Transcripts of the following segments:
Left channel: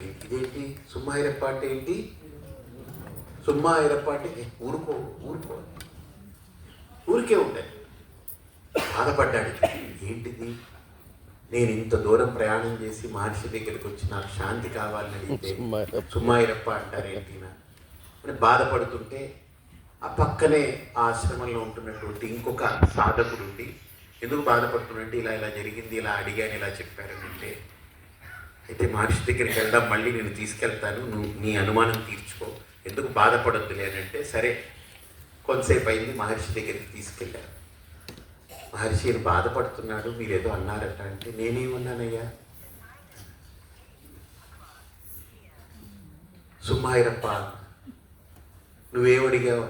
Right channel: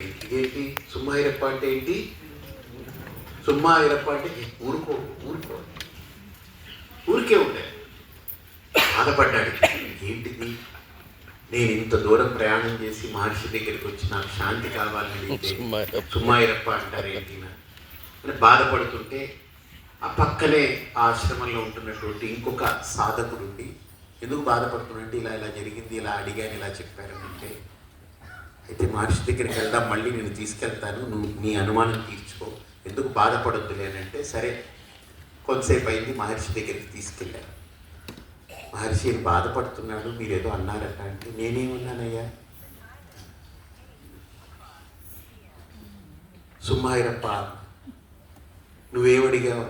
ఇదేంటి సుమ్మాయిరప్ప అంటే ఏంటి? సుమ్మాయిరప్ప అంటే ఊరుకో ఊరుకో. ఊరికే ఉంటాయి బాధపడ్డాడు. ఏంటిది? నేను ఇంత దూరం ప్రయాణం చేసి మహర్షి దగ్గరికి వచ్చి నాకు శాంతి కావాలని అడిగితే సుమ్మాయిరప్ప. అంటారు ఏంటి నా? అని బాధపడుతుంటే ఆ పక్కనే ఆశ్రమంలో ఉంటున్నటువంటి ఇంకొక సాధకుడు ఉండి ఎందుకు బాధపడుతున్నట్టు ఇలా ఇలా జరిగింది ఇలా అడిగాను ఇలా చెప్పారంటే అయితే మహర్షి దగ్గరికి వెళ్దాం మళ్ళీ నేను తీసుకెళ్తాను నువ్వు నీ అనుమానం తీర్చుకో. ఎందుకు బాధపడొద్దులే లేనంటే అంటే సరే కొంతసేపు అయింది మహర్షి దగ్గరికి తీసుకెళ్ళాను మహర్షి ఈయన బాధపడుతున్నాడు? మీరు ఏదో అన్నారట అంటే నేనేమన్నానయ్యా? సుమ్మాయిరప్ప నువ్వేమడిగావు?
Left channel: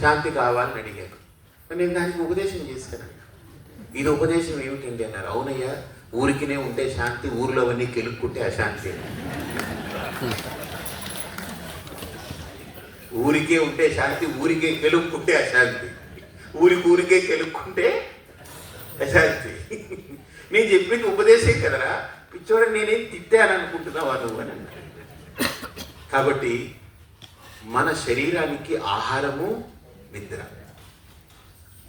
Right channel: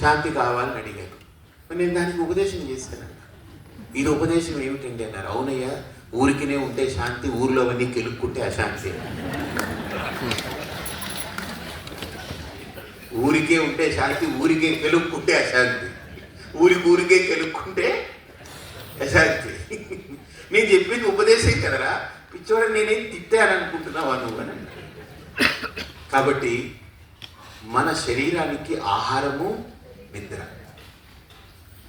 శాంతి కావాలని అడిగాను. నేను దానికి ఉపదేశం చేశాను. ఇది ఉపదేశం ఏమిటండి అన్నారు. అవునయ్యా ఊరికినే ఉంటే శాంతి ఊరిలో అవన్నీ కెలుక్కుంటే అశాంతి. ఊరికే ఉంటే శాంతి ఊరికే కెలుక్కుంటే అశాంతి. ఊరికి ఊరికే కెలుక్కుంటే అశాంతి. నేను చెప్పింది ఉపదేశం కదరా? పిచ్చోడ నేనేం తిట్టాననుకుంటున్నావా నువ్వు అని. కాబట్టి మన శరీరానికి ఆహారము నిద్ర.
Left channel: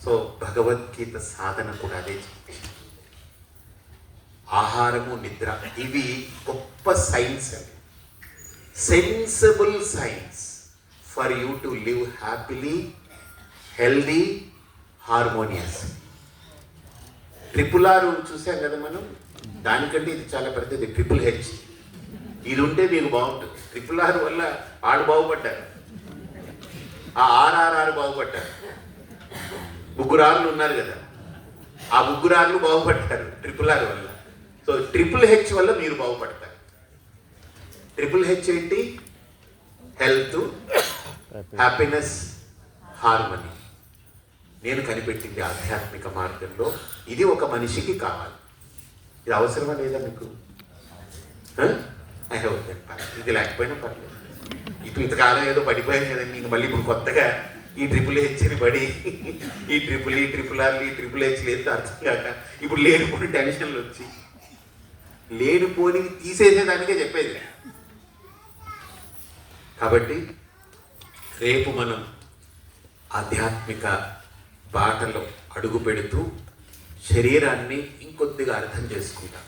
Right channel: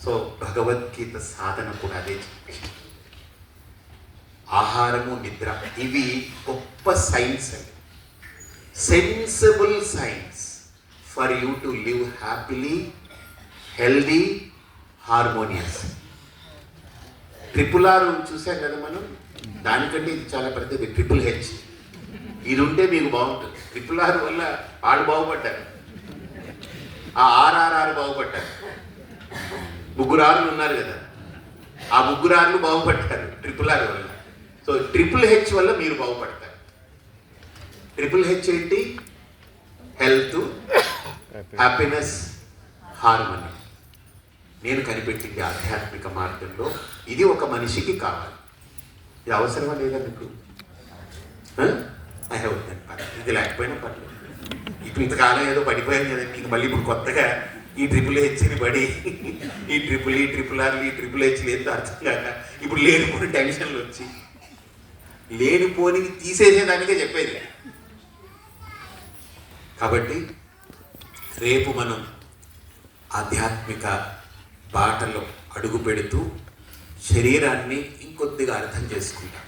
సో భగవద్గీత సాధన కూడా అదే ఆహారము నిద్ర. ఇవి గొప్ప సైన్స్ అండి sensible science for you to live happily healthy harmonious triple R చూసాం కదా మనం? దానికంటే ఇది చాలా పెద్దది. ట్రిపుల్ హెచ్ ఇది ఉంటే మీకు బాగుంటుంది. ట్రిపుల్ ఆర్ వల్ల ఆడు బాగుపడ్డారు. ఆ ఆర్ఆర్ఆర్ బాగుపడ్డారు. ముగ్గురు ఆర్లు ఉన్నారు కదా. ఆ ముగ్గురు ఆర్లు బాగుపడ్డారు. ట్రిపుల్ ట్రిపుల్ హెచ్ వల్ల మీరు బాగుపడతారు. ట్రిపుల్ హెచ్ ఏంటి? హెల్త్ హ్యాపీనెస్ హార్మనీ నేను కనిపెట్టింది ఆధ్యాత్మిక మార్గంలో. ఇది ఒక మనిషికి కావాలి. ఇది అవసరమా లేదా మీకు. ఇది లేకపోయినా పర్లేదు. ఇటు ఇంతకాలం ఏదో పడిపోయాను కదండి. నీకు మళ్ళీ ఇప్పుడు కొత్తగా ఈ ట్రిపుల్ హెచ్ని పడి ఈ ట్రిపుల్ ఈ ట్రిపుల్ ఆర్లు ఈ ట్రిపుల్ హెచ్ లేదు అర్థం కాక ఇప్పుడు లేనిపోని టెన్షన్లు వచ్చి లేనిపోనివి తీసేసేదానికే చెప్పేది. కాబట్టి రేపు మనం ఆధ్యాత్మిక బాటలో అడుగు పెడుతూ శరీరాన్ని ఇంకొద్దిగా అర్థం చేసుకుంటాం.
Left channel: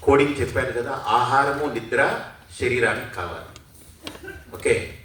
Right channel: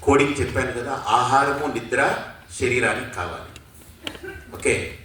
కోడింగ్ చెప్పాను కదా ఆహారము నిద్ర శరీరానికి కావాలి. ఓకే?